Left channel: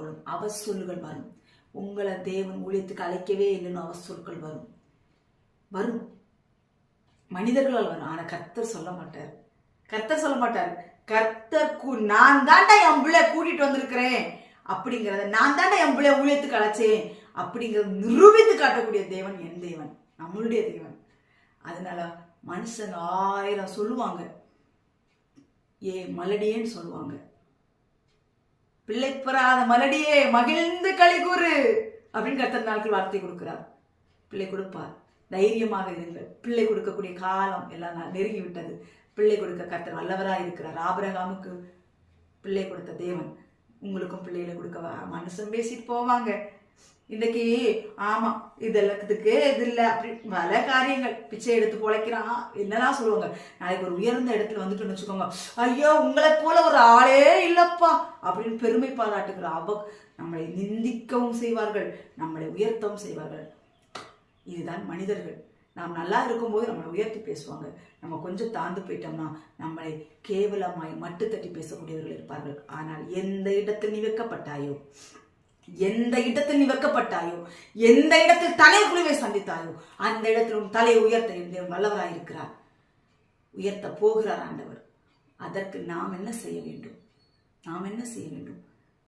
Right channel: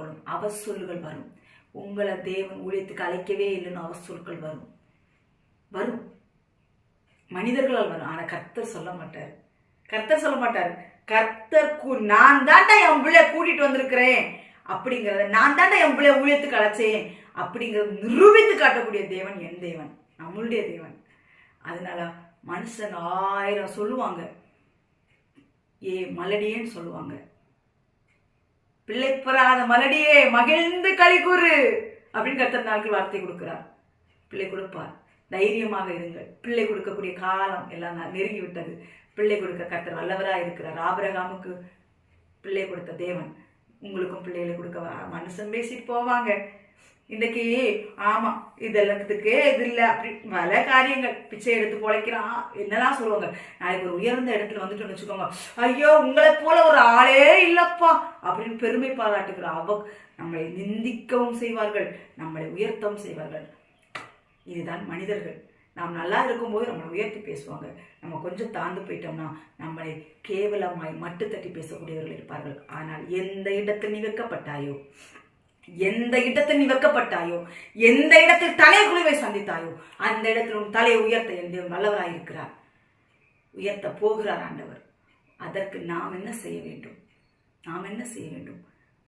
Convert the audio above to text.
கொள்ளும். அவசொல்கள் வரும். உங்களை தேவன் ஊழியத்துக்கு அழைக்கவே இல்லைன்னு அவசொற்கள் வரும். வரும். மனிதர்களால் வரும். ஆனால் கர்த்தர் சொல்ல மாட்டார். கர்த்தர் சொல்ல மாட்டார். கர்த்தர் கூ- நான் தாண்டா என் பிள்ளை கூட்டிட்டு வந்திருக்கிறேன். அப்படிங்கிறத நான் தாண்டா என் பிள்ளை ஊழியத்துக்கு அழைச்சேன். அப்படிங்கிறத நிரூபித்து காட்டக்கூடிய தேவன் என் தேவன். நம்மளுடைய தேவன். அதனால மனுஷன் ஆயிரம் சொல்லுவாங்க. ஏ மலடியேன்னு சொல்லுவாங்க. பிள்ளை பெறாத மலடியே மகிழ்ந்து களி கூறு அப்படின்னு கர்த்தர் நாட்கள் வார்த்தை கொடுக்கிறார். பிள்ளை கொடுப்பார். தைரியமாக இருங்கள். பிள்ளை கொடுக்கக்கூடிய காலம் எல்லாம் நெருங்கிவிட்டது. நெருங்கி விட்டது பிள்ளை கொடுக்க கர்த்தர் வல்லவராக இருக்கிறார். ஆபரகாமுக்கு பிள்ளை கொடுத்த தேவன். உங்களுக்கும் பிள்ளைகளை கொடுக்க மனுஷன் பேசிட்டு போவாங்க. இன்னைக்கு ஆமாம் இதெல்லாத்துக்கு இது இல்லை. அப்படி பல காரியங்கள். பிச்சை எடுத்து பொழைக்கிறான். என்னதான் சொல்லுவாங்க? நாளைக்கு ஒரு உயர்ந்த இடத்துல வந்துட்டு வச்சுக்கோங்க. ஐயோ உங்களை போல ஒரு ஆளே இல்லைப்பா அப்படின்னு பெருமை பாராட்டுகிற அவ நம்மளை நிந்திக்கவும் செய்வார்கள். நம்மளை உயர்த்தவும் செய்வார்கள். இதுதான் மனிதர்கள். நாம் நல்லா இருக்கும்போது நம்மளை உயர்த்தி பேசுவாங்க. நம்ம கொஞ்சம் தாழ்ந்து போயிட்டோம்னா நம்மளை கேவலமாய் மட்டு தட்டி பேசக்கூடியவர்கள் இருப்பார்கள். ஆனால் எந்த இடத்தில் நீ வைக்கப்பட்டாயோ எந்த இடத்தில் நீ வைக்கப்பட்டாயோ எந்த இடத்தில் தலைக்குழுவை சந்தித்தாயோ அந்த இடத்தில் உன் தலையை உயர்த்த என் தேவன் வல்லவராயிருக்கிறார். உயர்த்த போகிறார் ஆண்டவர். அதற்கு நாம் என்ன செய்ய வேண்டும்? நாம் என்ன செய்ய வேண்டும்?